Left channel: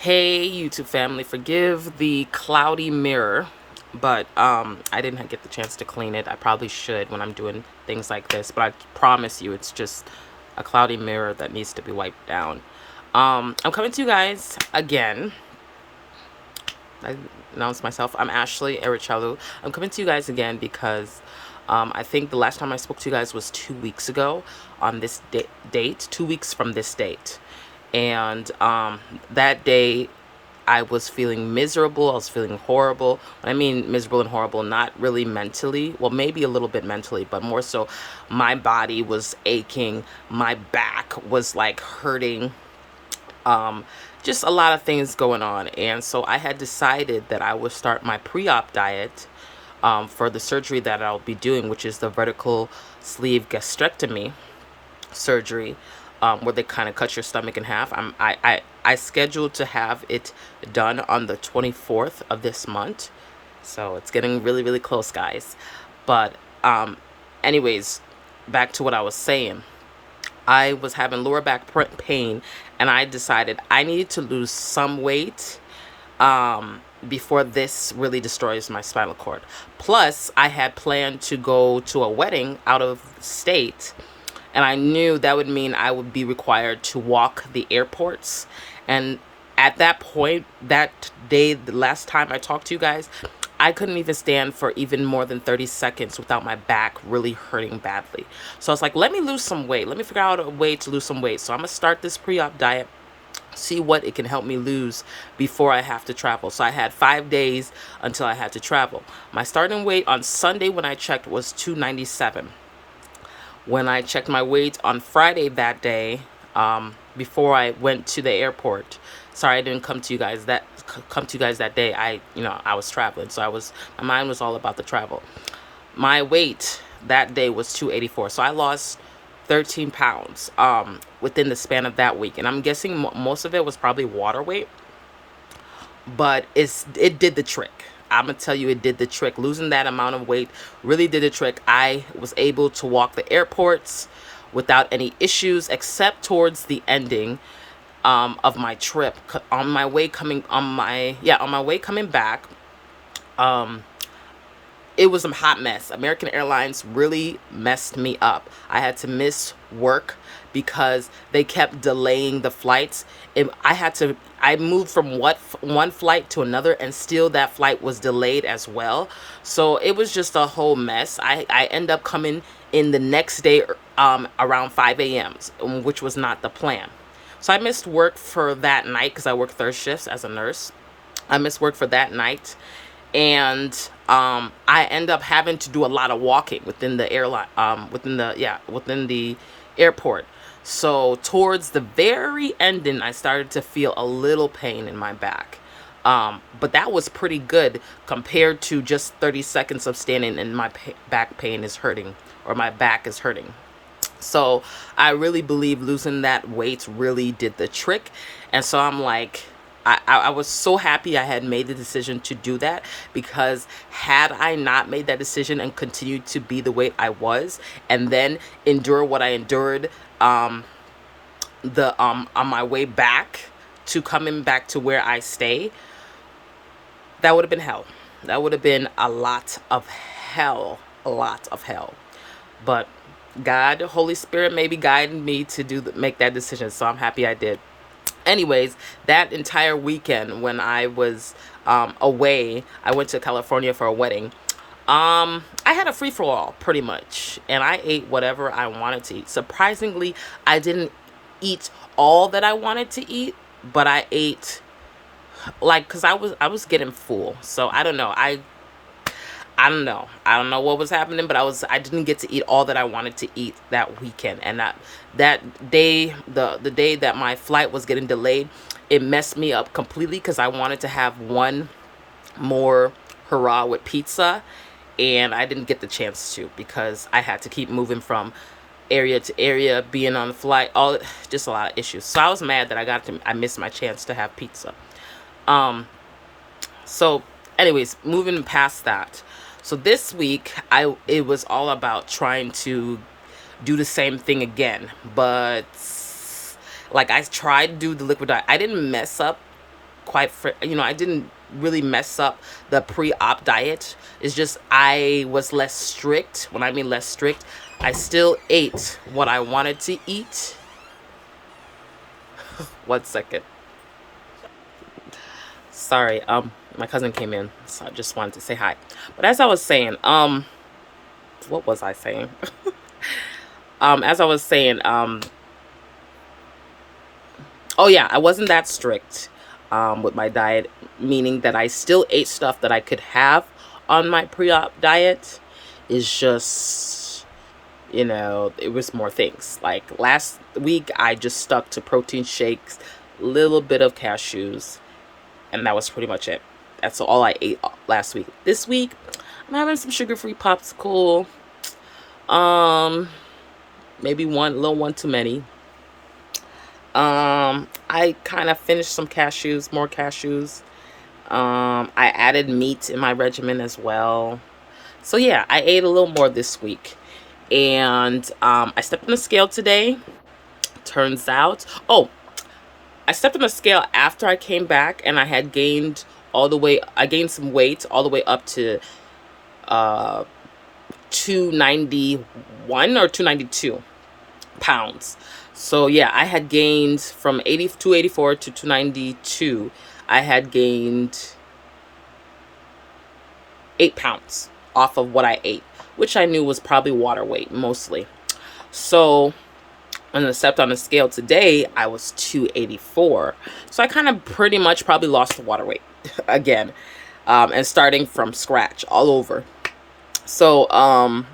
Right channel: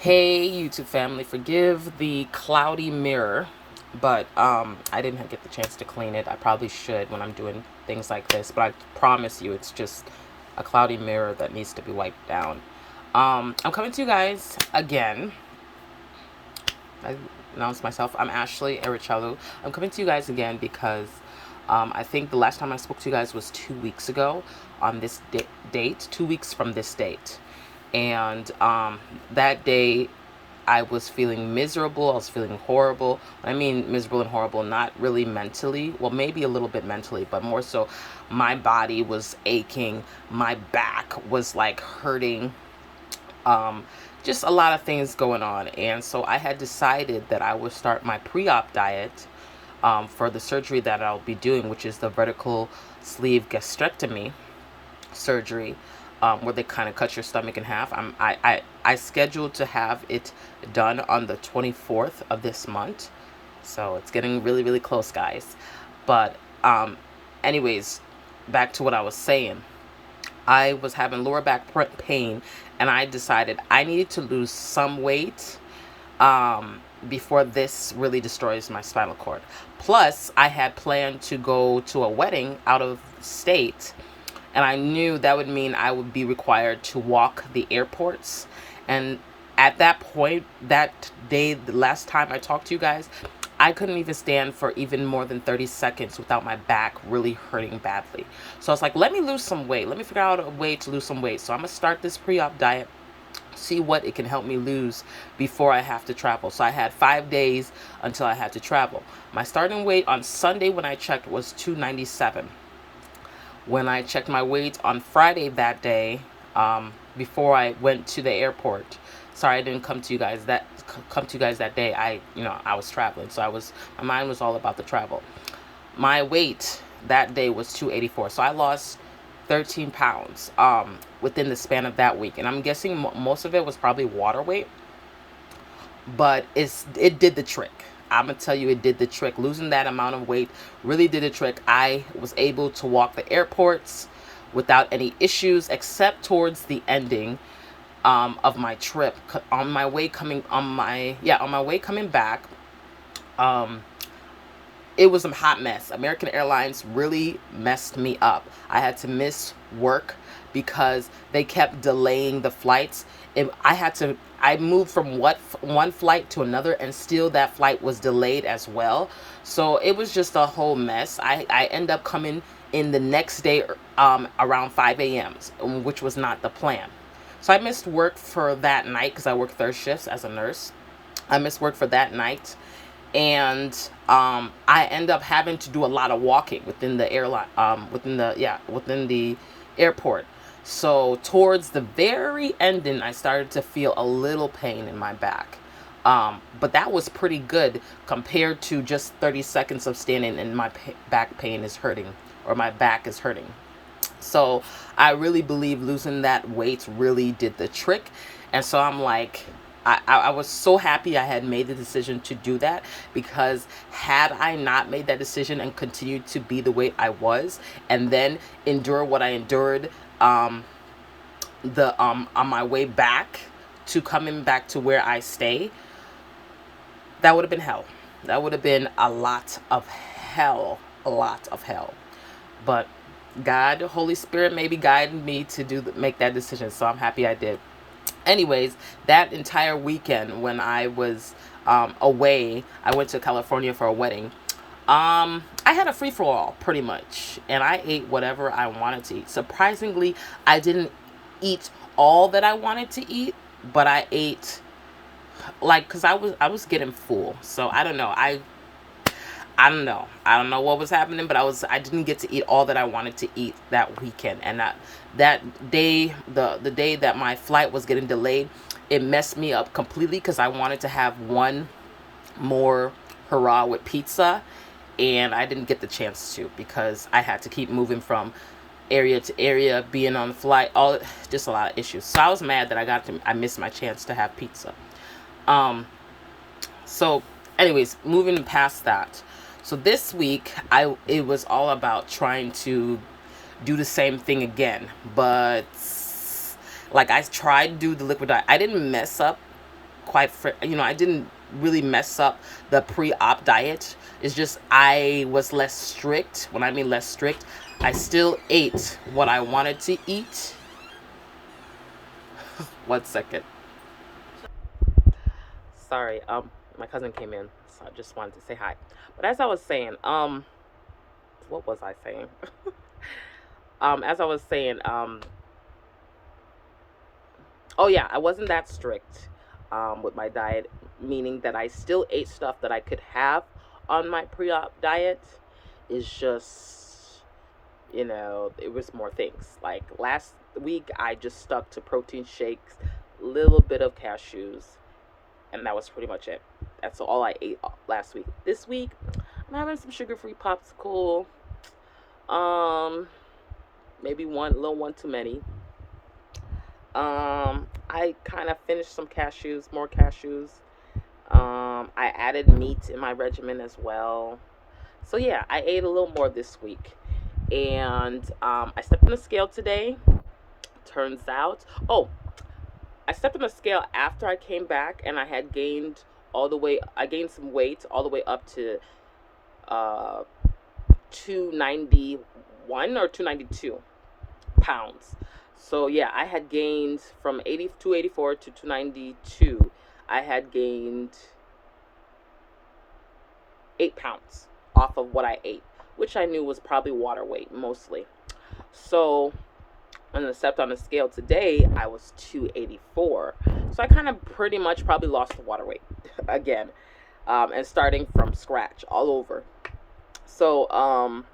Hey YouTube family, forgive the cloudy mirror, but I didn't get the chance to clean it. I probably should when I'm doing things like this, but I promise you it's just a cloudy mirror that needs to be wiped down. I'm coming to you guys again. I announced myself. I'm Ashley Ericellu. I'm coming to you guys again because I think the last time I spoke to you guys was 2 weeks ago on this date, 2 weeks from this date. And that day, I was feeling miserable. I was feeling horrible. When I mean miserable and horrible, not really mentally. Well, maybe a little bit mentally, but more so my body was aching. My back was like hurting. Um, just a lot of things going on. And so I had decided that I would start my pre-op diet for the surgery that I'll be doing, which is the vertical sleeve gastrectomy surgery, where they kind of cut your stomach in half. I scheduled to have it done on the 24th of this month, so it's getting really really close, guys. But anyways, back to what I was saying. I was having lower back pain, and I decided I needed to lose some weight before this really destroys my spinal cord. Plus, I had planned to go to a wedding out of state, and I knew that would mean I would be required to walk the airports. And at that point, that day, the last time I talked to you guys, I couldn't even stand for even more than 30 seconds without my back really hurting badly. So I was like, let me lose some weight. Let me figure out a way to lose some weight. So I'm going to start this pre-op diet, see what it can help me lose before I have to travel. So I had 5 days until I had to travel. My starting weight on Sunday when I checked was 297. When I checked my weight on Friday that day, before I went to the airport. Sorry, I didn't come to you guys that day. I was traveling, so my mind was all about the travel. My weight that day was 284, so I lost 13 pounds within the span of that week, and I'm guessing most of it was probably water weight, but it did the trick. I'm gonna tell you, it did the trick. Losing that amount of weight really did the trick. I was able to walk the airports without any issues, except towards the ending of my trip. On my way coming back, um, it was a hot mess. American Airlines really messed me up. I had to miss work because they kept delaying the flights. I moved from one flight to another, and still that flight was delayed as well. So it was just a whole mess. I end up coming in the next day around 5 a.m., which was not the plan. So I missed work for that night because I work third shifts as a nurse. I missed work for that night, and I end up having to do a lot of walking within the airline, within the airport. So towards the very ending, I started to feel a little pain in my back. But that was pretty good compared to just 30 seconds of standing and my back pain is hurting, or my back is hurting. So I really believe losing that weight really did the trick. And so I'm like, I was so happy I had made the decision to do that, because had I not made that decision and continued to be the weight I was and then endure what I endured, the on my way back to coming back to where I stay, that would have been hell. That would have been a lot of hell, a lot of hell. But God, Holy Spirit, maybe guided me to make that decision. So I'm happy I did. Anyways, that entire weekend when I was away, I went to California for a wedding. I had a free for all pretty much, and I ate whatever I wanted to eat. Surprisingly, I didn't eat all that I wanted to eat, but I ate, like, because I was getting full. So I don't know what was happening, but I didn't get to eat all that I wanted to eat that weekend. And that day, the day that my flight was getting delayed, it messed me up completely because I wanted to have one more hurrah with pizza, and I didn't get the chance to because I had to keep moving from area to area, being on the flight, all just a lot of issues. So I was mad that I missed my chance to have pizza. Um, so, anyways, moving past that. So this week, it was all about trying to do the same thing again, but like I tried to do the liquid diet. I didn't mess up quite, I didn't really mess up the pre-op diet. It's just I was less strict. When I mean less strict, I still ate what I wanted to eat. 1 second. Sorry, my cousin came in, so I just wanted to say hi. But as I was saying, what was I saying? As I was saying, oh yeah, I wasn't that strict, with my diet, meaning that I still ate stuff that I could have on my pre-op diet. It's just, it was more things. Like last week, I just stuck to protein shakes, little bit of cashews, and that was pretty much it. That's all I ate last week. This week, I'm having some sugar-free popsicle. Um, Maybe one little one too many. I kind of finished some cashews, more cashews. I added meat in my regimen as well. So yeah, I ate a little more this week, and I stepped on the scale today. Turns out, oh, I stepped on the scale after I came back, and I had gained all the way. I gained some weight all the way up to uh 291 or 292 pounds. So yeah, I had gained from 284 to 292. I had gained 8 pounds off of what I ate, which I knew was probably water weight mostly. So when I stepped on the scale today, I was 284. So I kind of pretty much probably lost the water weight again, and starting from scratch all over. So I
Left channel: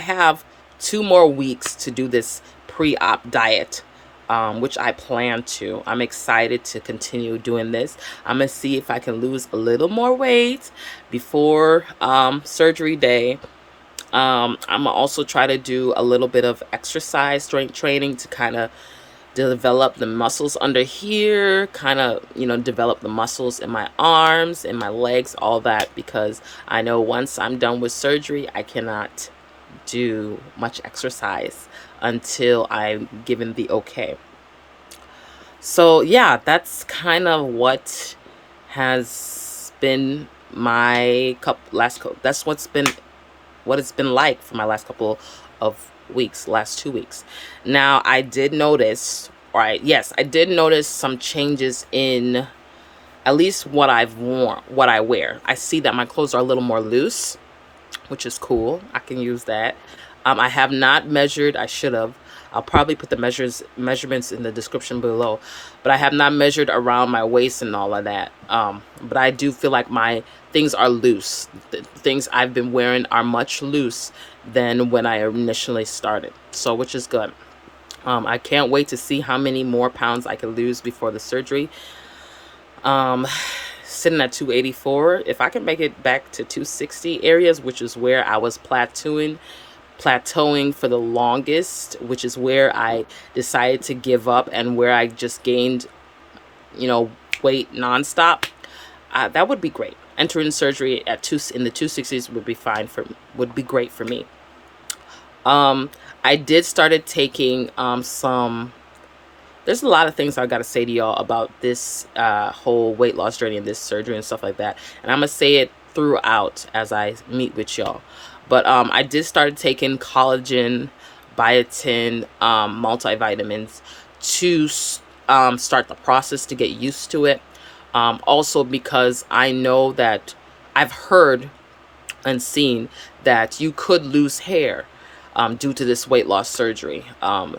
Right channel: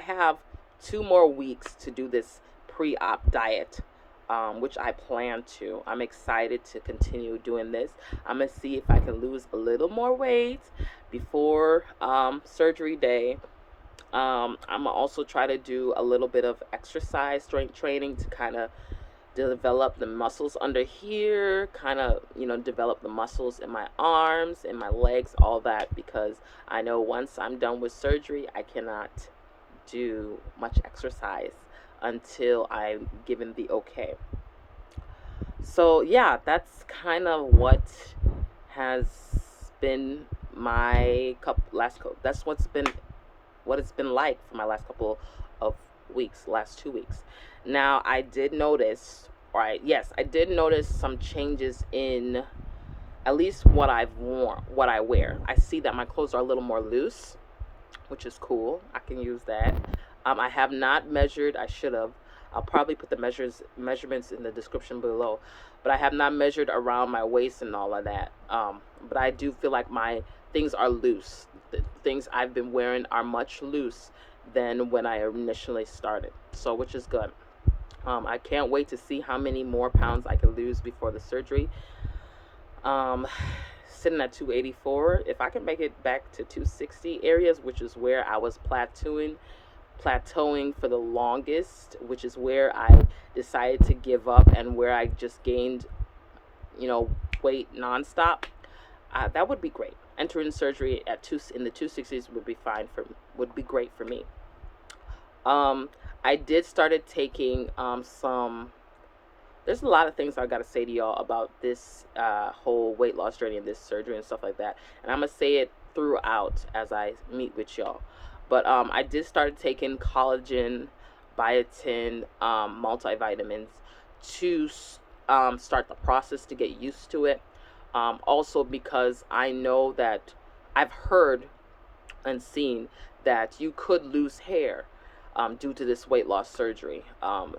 have 2 more weeks to do this pre-op diet, which I plan to. I'm excited to continue doing this. I'm gonna see if I can lose a little more weight before surgery day. I'm gonna also try to do a little bit of exercise, strength training to kind of develop the muscles under here, kind of, develop the muscles in my arms, in my legs, all that, because I know once I'm done with surgery, I cannot do much exercise until I'm given the okay. So yeah, that's kind of what has been my that's what it's been like for my last couple of weeks, last 2 weeks. Now, I did notice, yes, I did notice some changes in at least what I've worn, what I wear. I see that my clothes are a little more loose, which is cool. I can use that. I have not measured. I should have. I'll probably put the measurements in the description below, but I have not measured around my waist and all of that. But I do feel like my things are loose. The things I've been wearing are much loose than when I initially started. So, which is good. I can't wait to see how many more pounds I can lose before the surgery. Sitting at 284, if I can make it back to 260 areas, which is where I was plateauing for the longest, which is where I decided to give up and where I just gained, weight nonstop. That would be great. Entering surgery in the 260s would be great for me. I did started taking some. There's a lot of things I got to say to y'all about this whole weight loss journey and this surgery and stuff like that. And I'm going to say it throughout as I meet with y'all. But I did start taking collagen, biotin, multivitamins to start the process to get used to it. Also because I know that I've heard and seen that you could lose hair due to this weight loss surgery. And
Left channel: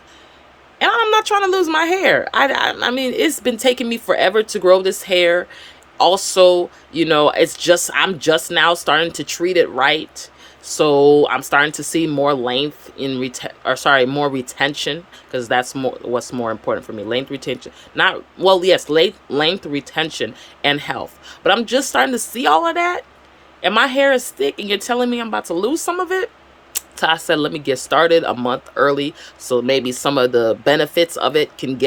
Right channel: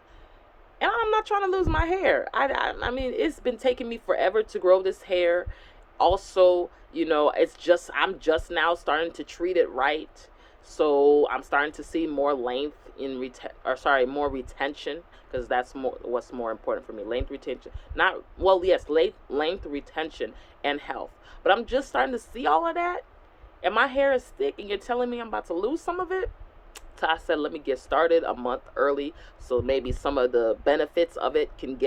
I'm not trying to lose my hair. I mean, it's been taking me forever to grow this hair. Also, I'm just now starting to treat it right. So I'm starting to see more length more retention, because that's what's more important for me. Length retention, length retention and health. But I'm just starting to see all of that, and my hair is thick, and you're telling me I'm about to lose some of it. So I said, let me get started a month early, so maybe some of the benefits of it can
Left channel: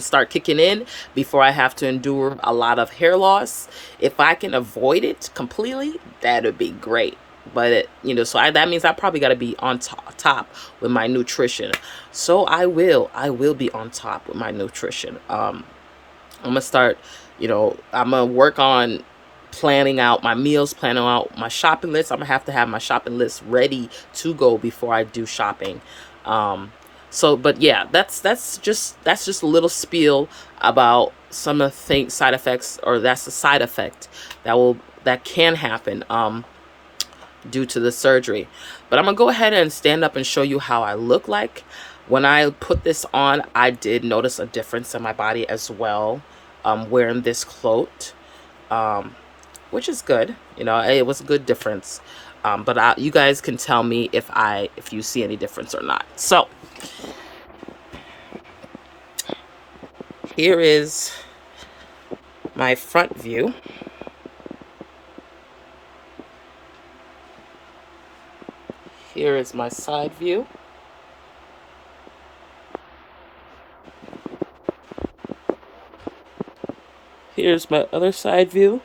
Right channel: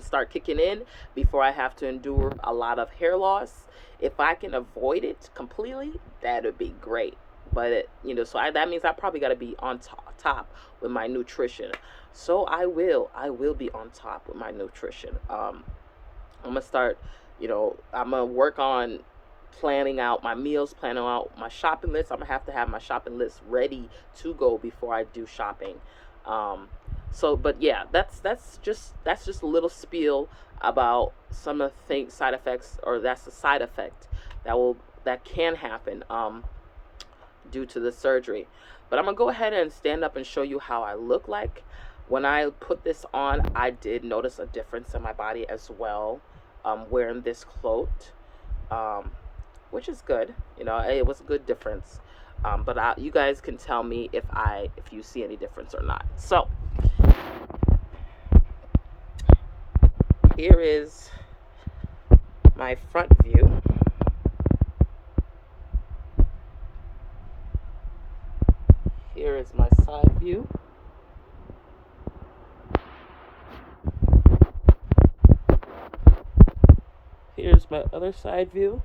start kicking in before I have to endure a lot of hair loss. If I can avoid it completely, that would be great. But that means I probably got to be on top with my nutrition. So I will be on top with my nutrition. I'm gonna start, I'm gonna work on planning out my meals, planning out my shopping list. I'm gonna have to have my shopping list ready to go before I do shopping. Um, but yeah, that's just a little spiel about some of the side effects, or that's a side effect that can happen due to the surgery. But I'm gonna go ahead and stand up and show you how I look like. When I put this on, I did notice a difference in my body as well, wearing this cloak, um, which is good. It was a good difference. But you guys can tell me if you see any difference or not. So here is my front view. Here is my side view. Here's my other side view.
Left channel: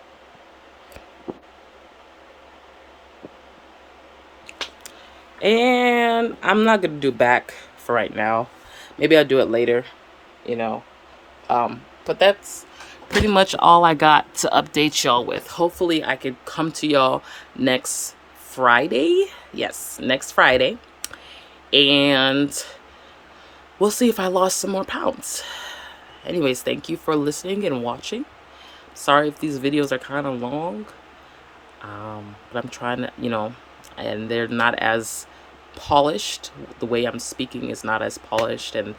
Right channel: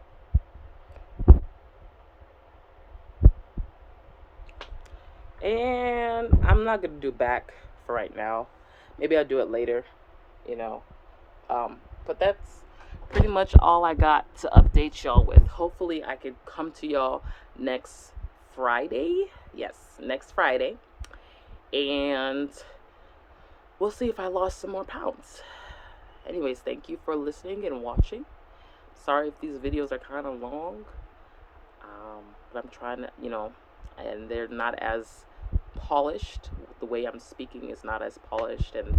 And I'm not going to do back for right now. Maybe I'll do it later, you know. But that's pretty much all I got to update y'all with. Hopefully I could come to y'all next Friday. Yes, next Friday. And we'll see if I lost some more pounds. Anyways, thank you for listening and watching. Sorry if these videos are kind of long. But I'm trying to, and they're not as polished. The way I'm speaking is not as polished, and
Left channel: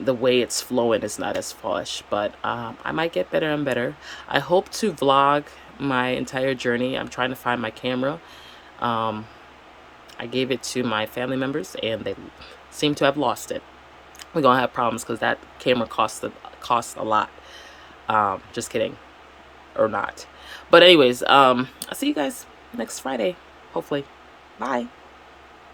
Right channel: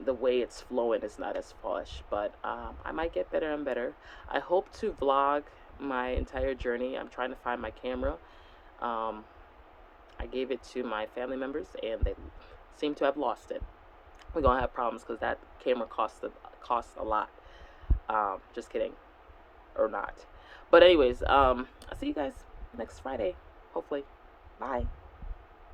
the way it's flowing is not as polished. But I might get better and better. I hope to vlog my entire journey. I'm trying to find my camera. I gave it to my family members, and they seem to have lost it. We're gonna have problems because that camera costs a lot. Just kidding, or not. But anyways, I'll see you guys next Friday, hopefully. Bye.